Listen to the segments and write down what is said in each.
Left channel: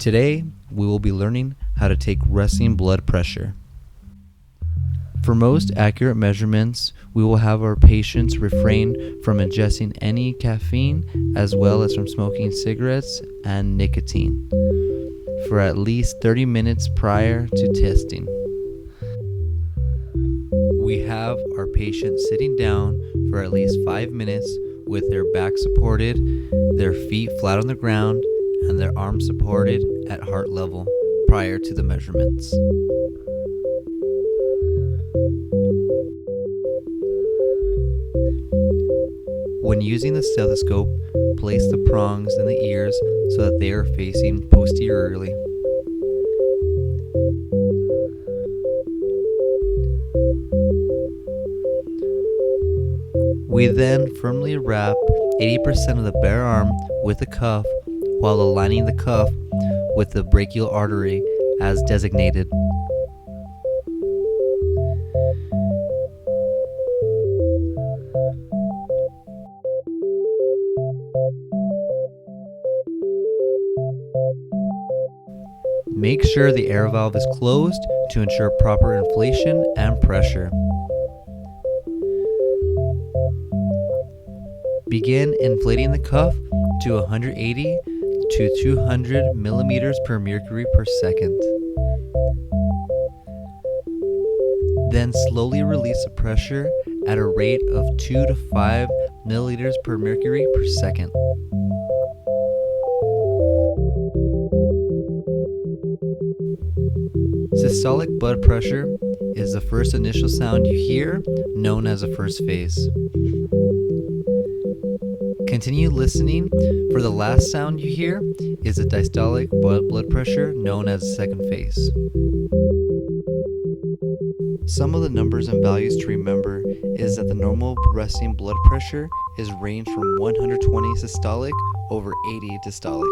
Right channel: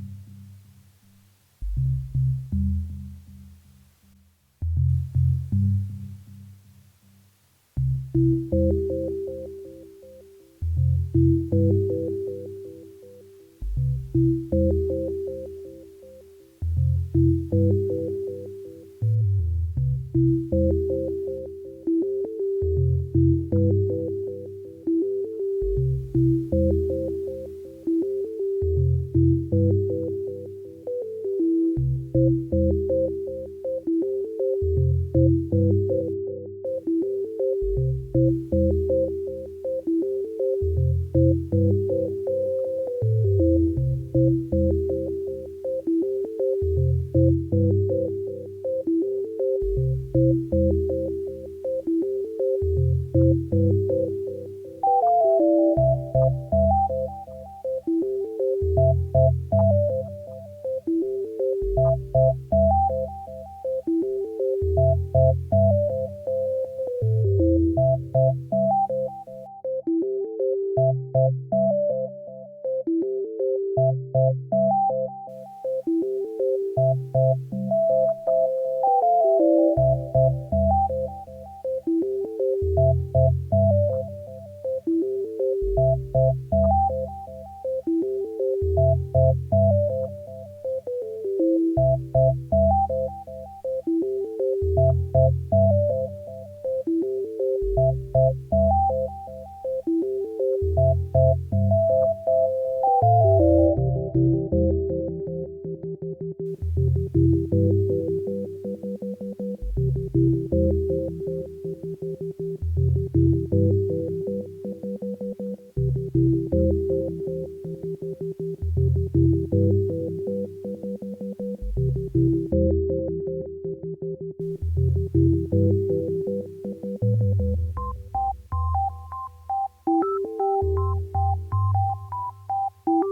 Today, we will be learning how to take resting blood pressure. For most accurate measurements, we will have our patients refrain from ingesting any caffeine as well as from smoking cigarettes and nicotine for at least 30 minutes prior to testing. We have our patient sitting down for at least 5 minutes with their back supported, their feet flat on the ground, and their arms supported at heart level prior to the measurements. When using the stethoscope, place the prongs in the ears so that they are facing posteriorly. We then firmly wrap 80% of the bare arm with a cuff while aligning the cuff with the brachial artery as designated. Make sure the air valve is closed to ensure proper inflation and pressure. Begin inflating the cuff to 180 to 200 millimeters per mercury per second. Then slowly release the pressure at a rate of 2 to 5 milliliters per mercury per second. Systolic blood pressure is the first initial sound you hear, known as a first phase. Continue listening for the last sound you hear is a diastolic blood pressure, known as a second phase. Some of the numbers and values to remember is that the normal resting blood pressure is ranged from 120 systolic over 80 diastolic.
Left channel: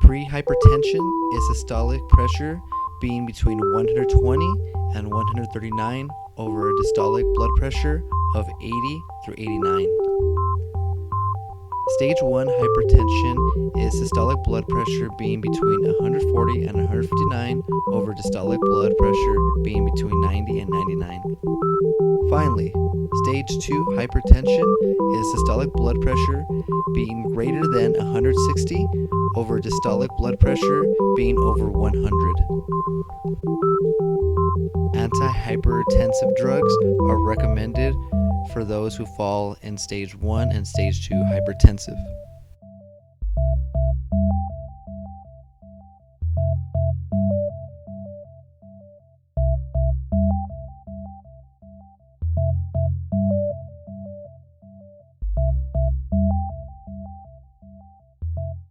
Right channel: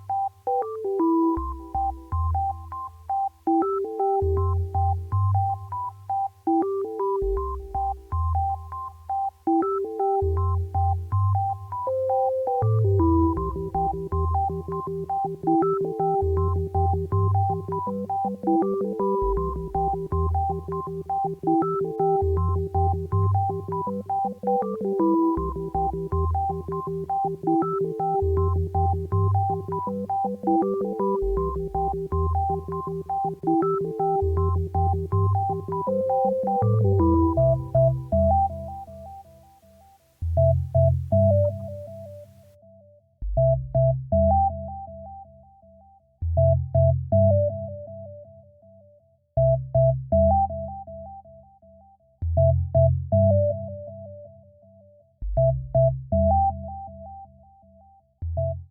Pre-hypertension is systolic pressure being between 120 and 139 over a diastolic blood pressure of 80 through 89. Stage 1 hypertension is systolic blood pressure being between 140 and 159 over diastolic blood pressure being between 90 and 99. Finally, stage 2 hypertension is systolic blood pressure being greater than 160 over diastolic blood pressure being over 100. Antihypertensive drugs are recommended for those who fall in stage 1 and stage 2 hypertensive.